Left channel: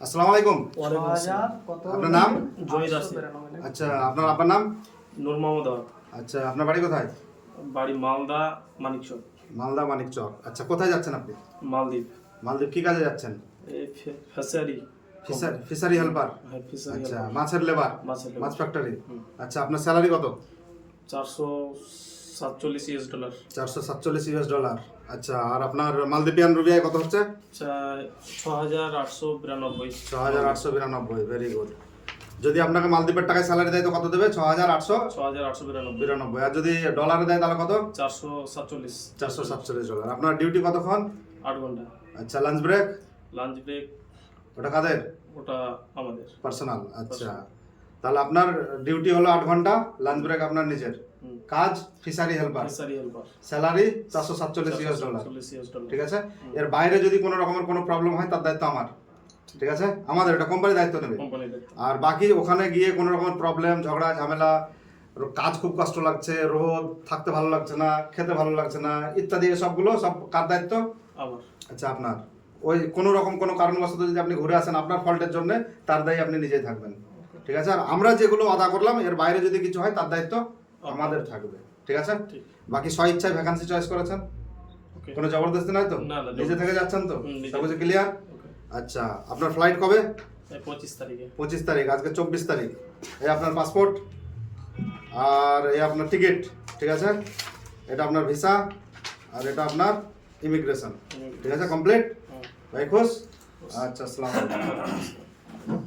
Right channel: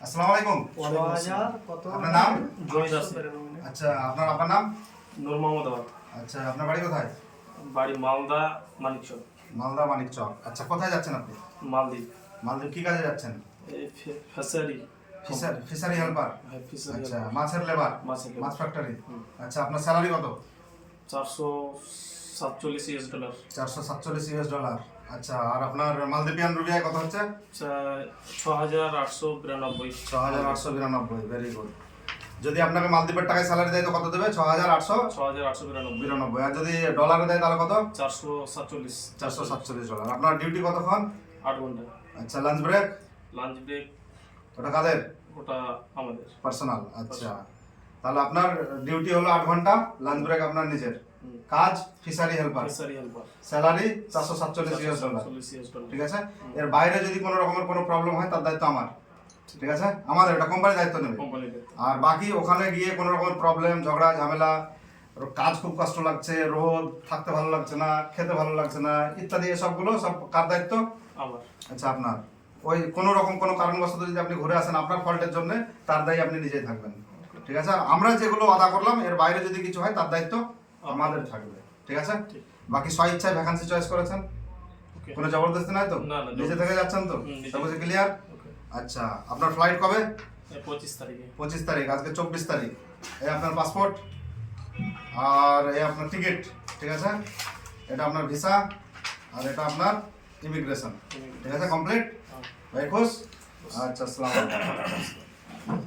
আসসালামু আলাইকুম। আপনার নাম? আচ্ছা আপনার আপনার নাম? নূর মোহাম্মদ আওয়াল। আচ্ছা আপনার বাড়ি কোথায়? বাড়ি মালদা মানিকচক। মালদা মানিক চক আচ্ছা কোথায় যাচ্ছেন আপনি? মালদ্বীপ। মালদ্বীপ কি কাজে যাচ্ছেন? এই ফি- fishery fishery fishery helper fishery আচ্ছা মাছের লেবার মাছ ফ্যাক্টরি আচ্ছা আপনার স্যালারি কত? চারশো সাতচল্লিশ ইউএস ডলার চারশো সাতচল্লিশ ইউএস ডলার আচ্ছা আর আপনার মালদ্বীপিয়ান রুপিয়ায় কত হচ্ছে? ছ হাজার আটশো বিরানব্বই। ছ হাজার আটশো বিরানব্বই ভেরি গুড যদি আপনাকে মালদ্বীপের টাকায় স্যালারি দেয় তো কত দেবে? ছ হাজার আটশো ছ হাজার আটশো বিরানব্বই। বিরানব্বই। আর যদি ডলারে দেয় তাহলে কত? চারশো সাতচল্লিশ। চারশো সাতচল্লিশ ডলার আপনার ডিউটি কতক্ষণ আট ঘণ্টা। আচ্ছা লাঞ্চ ব্রেক লাঞ্চ ব্রেক ওটা কাদের? ওটা আমাদের। পার্সোনাল আচ্ছা। তাহলে আপনার ডিউটি হলো আট ঘণ্টা লাঞ্চ ব্রেক আপনার নিজের। কাজ ফিশারি হেল্পার স্যালারি চারশো সাতচল্লিশ ইউএস ডলার ঠিক আছে? এর বাইরে যদি কোনো রকমের কোনো প্রবলেম হয় তার দায়িত্ব আমার। ঠিক আছে? আমাদের এটা কোম্পানি দায়িত্ব নেবে। আর বাকি ওখানে গিয়ে কোনো রকমের প্রবলেম ঝগড়া ঝামেলা কাজ খুব কষ্ট লাগছে রোদ থাকতে ভালো লাগছে না খেতে ভালো লাগছে না ইত্যাদি সবগুলো সব কার দায়িত্ব? আচ্ছা আপনার। ওই কোনো রকম কোনো কারণবশত যদি আপনি ঘুরে আসেন আপনার ফল্টের জন্য তার দায়ী আপনি নিজেই থাকবেন। ঠিক আছে? আর আমরা যেগুলো আদা করলাম এর বাইরে যদি কিছু হয় তার দায়িত্ব আমাদের থাকবে। ঠিক আছে? বাকি স্ব ইচ্ছায় ভ্যাকান্সি চয়েস করেছেন? কোনো জবরদস্তি নয় তো? নিজে থেকে যাচ্ছেন তো? হুম, নিজে। সব কিছু ক্লিয়ার আচ্ছা আপনার ফ্লাইট কবে? পঁচিশ তারিখে। পঁচিশ তারিখ আজকে চব্বিশ তারিখ। এই আপনার পাসপোর্ট আর এই আপনার টিকিট ঠিক আছে? এটা আপনার ভিসা আর এটা আপনার ইমিগ্রেশন ঠিক আছে? কমপ্লিট হ্যাঁ। ভাই খুশ? আচ্ছা আসসালামু আলাইকুম।